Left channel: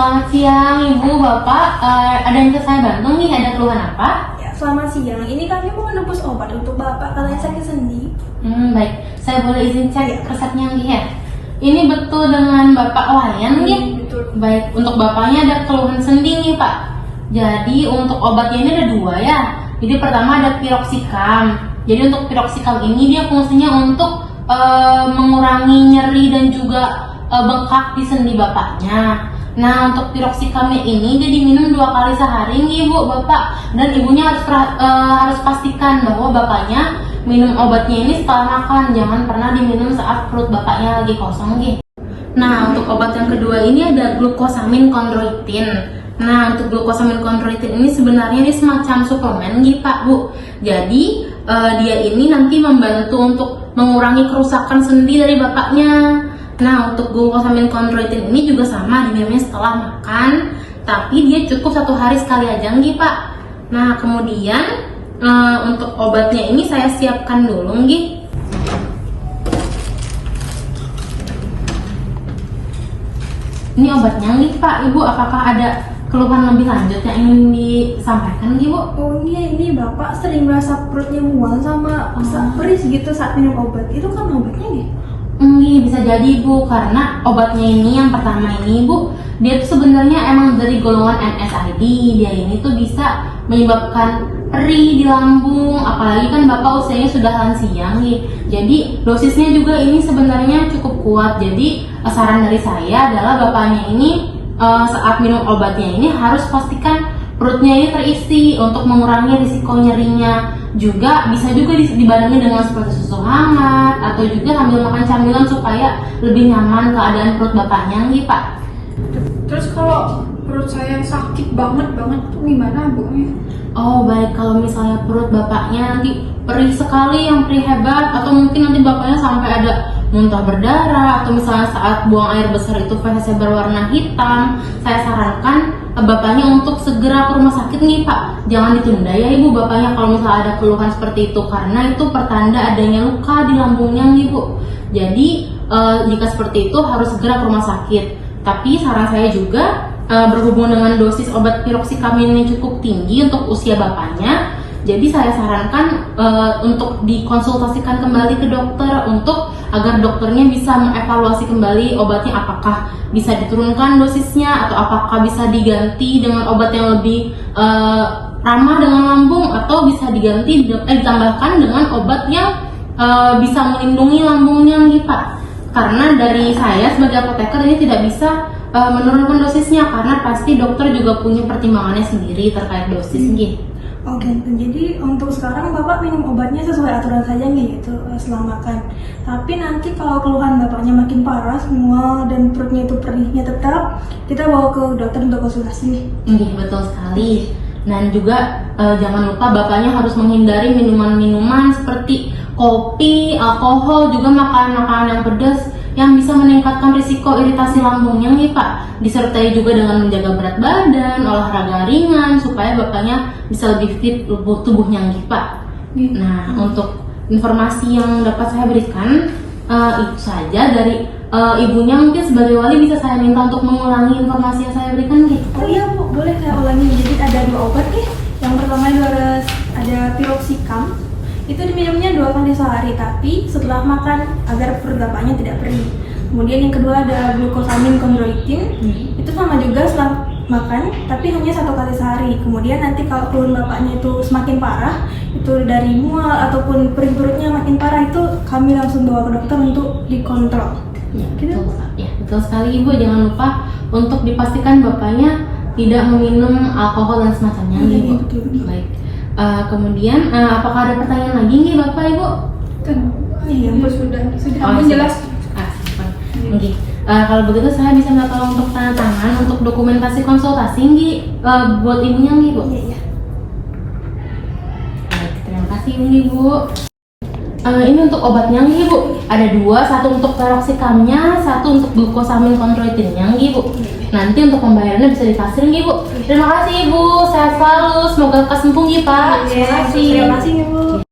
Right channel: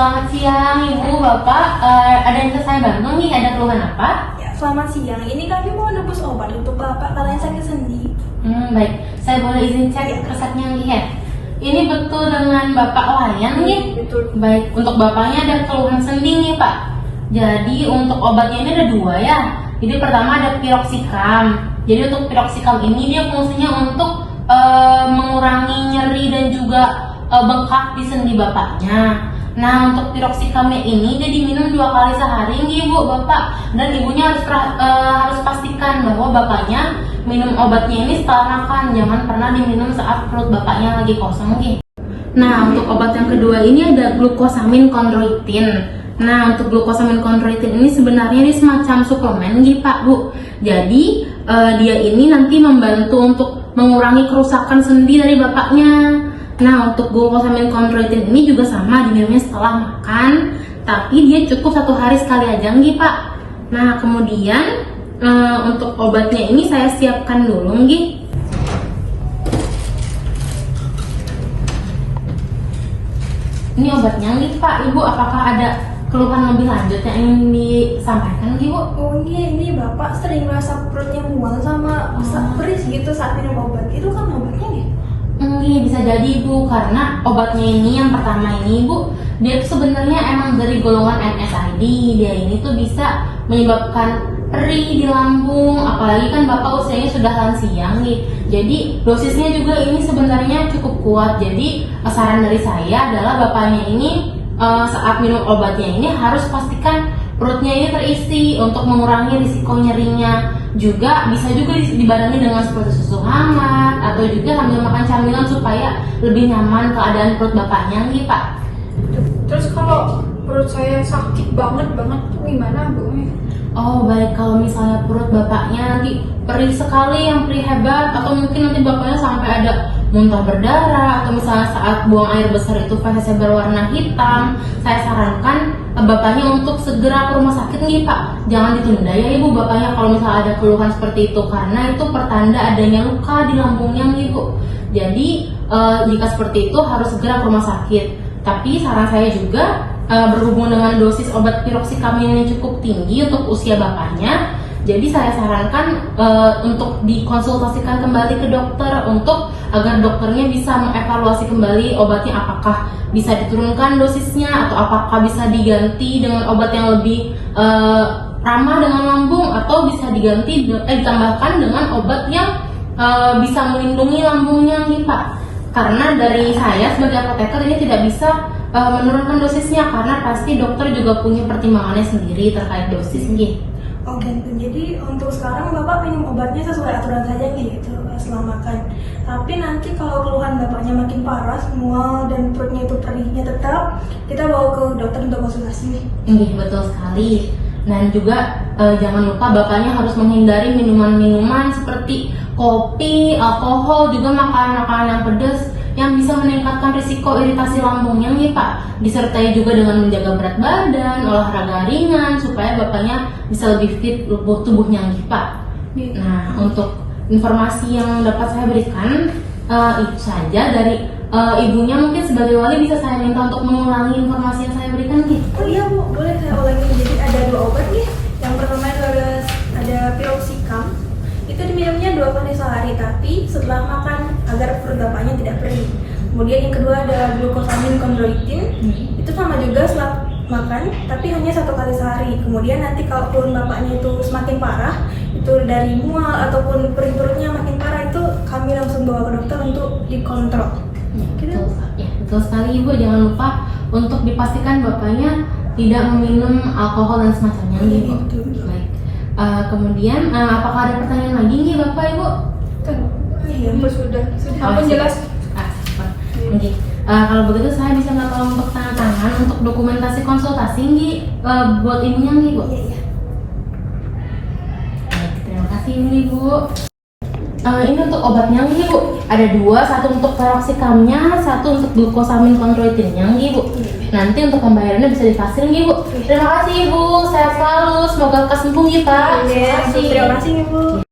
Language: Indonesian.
Selamat siang Ibu, Bapak. Ada yang bisa saya bantu nih? Ada keluhan apa? Ya, selamat siang. Ini kami mau nebus obat untuk Bapak karena sakit sendi. Baik. Saya boleh izin cek resepnya nih ya? Ini betul dengan Bapak Wayan nih? Betul. Baik. Untuk Bapaknya ada keluhan sendi nih Pak. Jadi untuk obatnya ini ada dua ya. Jadi pertama ada piroxicam. Jadi untuk piroxicam ini dia fungsinya untuk mengurangi nyeri dan juga bengkak di sendi Bapaknya. Nah, untuk piroxikamnya ini dia diminum 2 kali sehari nih Bu, Bapak. Dan Ibunya harus pastikan bahwa Bapaknya minum obatnya ini setelah makan. Jangan pernah diminum saat perut Bapaknya lagi kosong nih. Nah, untuk obat yang kedua ini ada glucosamine chondroitin. Nah, untuk glucosamine chondroitin ini sebenarnya ini semacam suplemen nih Pak, Bu. Jadi, dia ini nanti membantu untuk mengurangi kerusakan sendi dari Bapaknya. Nah, untuk glucosamine chondroitin ini juga sama, diminumnya setelah makan, tapi dia cukup 1 hari sekali aja nih Pak. Nah, kemudian untuk obatnya ini saya siapkan dulu nih. Ini obatnya nih Pak. Ibu, apakah ada keluhan lebih lanjut yang ingin disampaikan nih Bu? Oh iya, ini Bapak sering merasa perutnya mual sama perih gitu saat minum obat. Itu kan obatnya nih? Bisa jadi Bu, karena obatnya ini yang pertama ini Bu, dia tuh sebenarnya emang dari golongan NSAID. Dia ini tuh bisa menyebabkan perih di lambung, apalagi kan Bapak usianya sudah lansia nih. Jadi dosisnya juga ini sebenarnya cukup kuat. Jadi saran dari saya adalah Bapaknya ini saat minum obatnya ini harus pastikan perutnya ini terisi untuk mengurangi risiko nyerinya. Juga bisa juga dibarengi dengan seperti susu hangat atau juga sambil makan camilan supaya lebih nyaman keadaan perut Bapaknya nih Pak. Terus kalau perut saya sakit banget tuh gimana Bu? Oh baik, kalau misalnya perut Bapaknya nanti perih sekali, yang perih hebat, atau mungkin nanti Bapaknya sampai ada muntah berdarah, atau misalnya saat buang air besar itu fesesnya berwarna hitam, saya sarankan Bapaknya untuk segera ke rumah sakit nih Pak. Jangan ditunda ya Ibu, Bapaknya kalau misalnya ada keluhan seperti itu, karena itu pertanda adanya luka di lambungnya nih Bu. Jadi jika seperti itu harus segera ke rumah sakit. Tapi saran saya juga berhubung dengan dosis obat piroxicamine yang cukup tinggi untuk usia Bapaknya, jadi saya sarankan untuk dikonsultasikan kembali ke dokter untuk agar dokternya bisa mengevaluasi kembali obatnya, apakah bisa diturunkan dosisnya atau apakah bisa diganti dengan obat yang lebih ramah dengan lambung, atau bisa ditambahkan dengan obat yang bisa melindungi lambungnya nih Pak. Karena dari saya sebagai apoteker ini tidak bisa menurunkan dosisnya, karena pasti dokter juga punya pertimbangannya sendiri terkait dosis nih. Oh gitu. Jadi untuk sekarang Bapak minum obatnya sesuai aturan saja gitu setelah makan. Tapi nanti kalau keluhan Bapaknya makin parah, mual dan perutnya itu perihnya tetap, kita bawa ke dokter untuk konsultasi. Betul sekali. Dan juga jangan lupa Bapaknya harus menghindari minuman-minuman seperti kopi, alkohol, juga makanan-makanan yang pedas yang bisa meningkatkan risiko iritasi lambungnya nih Pak. Disertai juga dengan menjaga berat badan, olahraga ringan supaya Bapaknya bisa lebih fit tubuhnya nih Pak. Nah, untuk informasi yang dapat saya berikan itu saja dari Ibunya. Mungkin sebagai wali bisa saya minta untuk mengulangi informasi yang saya berikan nih. Oh iya Bu, boleh saya ulangi. Jadi ada 2 obat nih. Yang pertama itu ada piroxicam. Itu diminumnya 2 kali sehari, tapi setelah makan agar perut Bapaknya tidak perih. Kemudian yang kedua ada glucosamine chondroitin. Itu sama juga setelah makan, tapi hanya 1 kali sehari. Kemudian nanti kalau keluhan Bapaknya itu semakin parah, itu dari mual ataupun perih perutnya makin parah, itu kami langsung bawa ke dokter untuk dikontrol. Betul sekali Ibu. Jangan lupa untuk dipastikan Bapaknya tidak meminum alkohol dan semacamnya nih Bu. Baik. Kemudian apakah ada pertanyaan lagi nih Bapak Ibu? Iya Bu, sudah jelas. Oke. Kalau begitu saya bisa minta tolong untuk tanda tangan untuk dokumentasi konsultasi nih buat Ibunya nih Bu. Iya. Baik, terima kasih nih Bu. Ini untuk obatnya nih Bu. Ada 2, satu untuk piroxicamnya, satu untuk glucosamine chondroitinnya nih Bu. Nanti untuk pembayarannya bisa dikasih nih Bu. Terima kasih Ibu, sehat selalu, semoga kesembuh nih Pak. Terima kasih Ibu.